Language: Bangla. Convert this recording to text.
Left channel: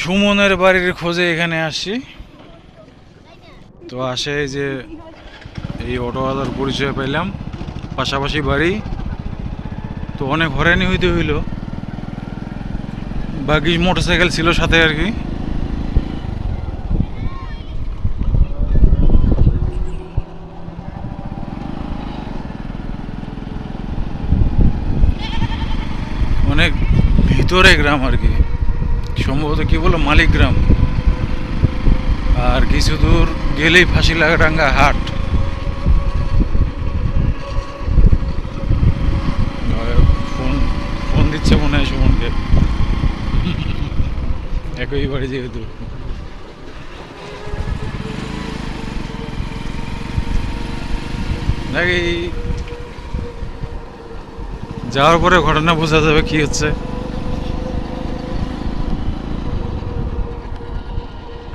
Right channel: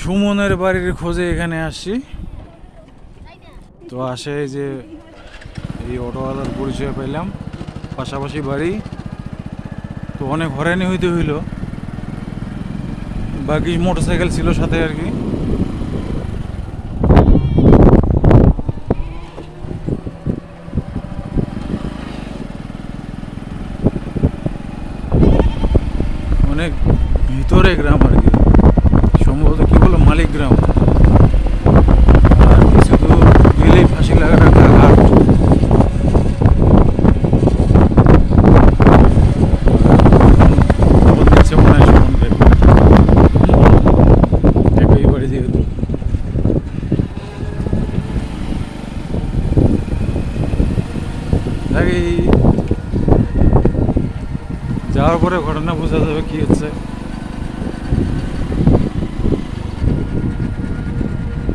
সুমনের বাড়ির খোঁজে এখানে আসি। তো আসে যে এই অটোওয়ালার পরিচয় পাইলাম, পাশাপাশি বাড়ি। তো অনেক হয়রানি হইতে হইল, বাকি মোটরসাইকেল ছিল সাথে আর কি। অনেক ভিতরে গ্রাম আর কি, সম্ভবত কি বলো মালিক গ্রাম। আর কিছু দূর গেলেই ফাঁসিলাডাঙ্গা হাট। ফোন দিচ্ছে মনে হয় সুমনকে, একই বাড়ি যেহেতু। নাকি যাওয়ার পরে ঘটনা বোঝা যাবে কি হচ্ছে।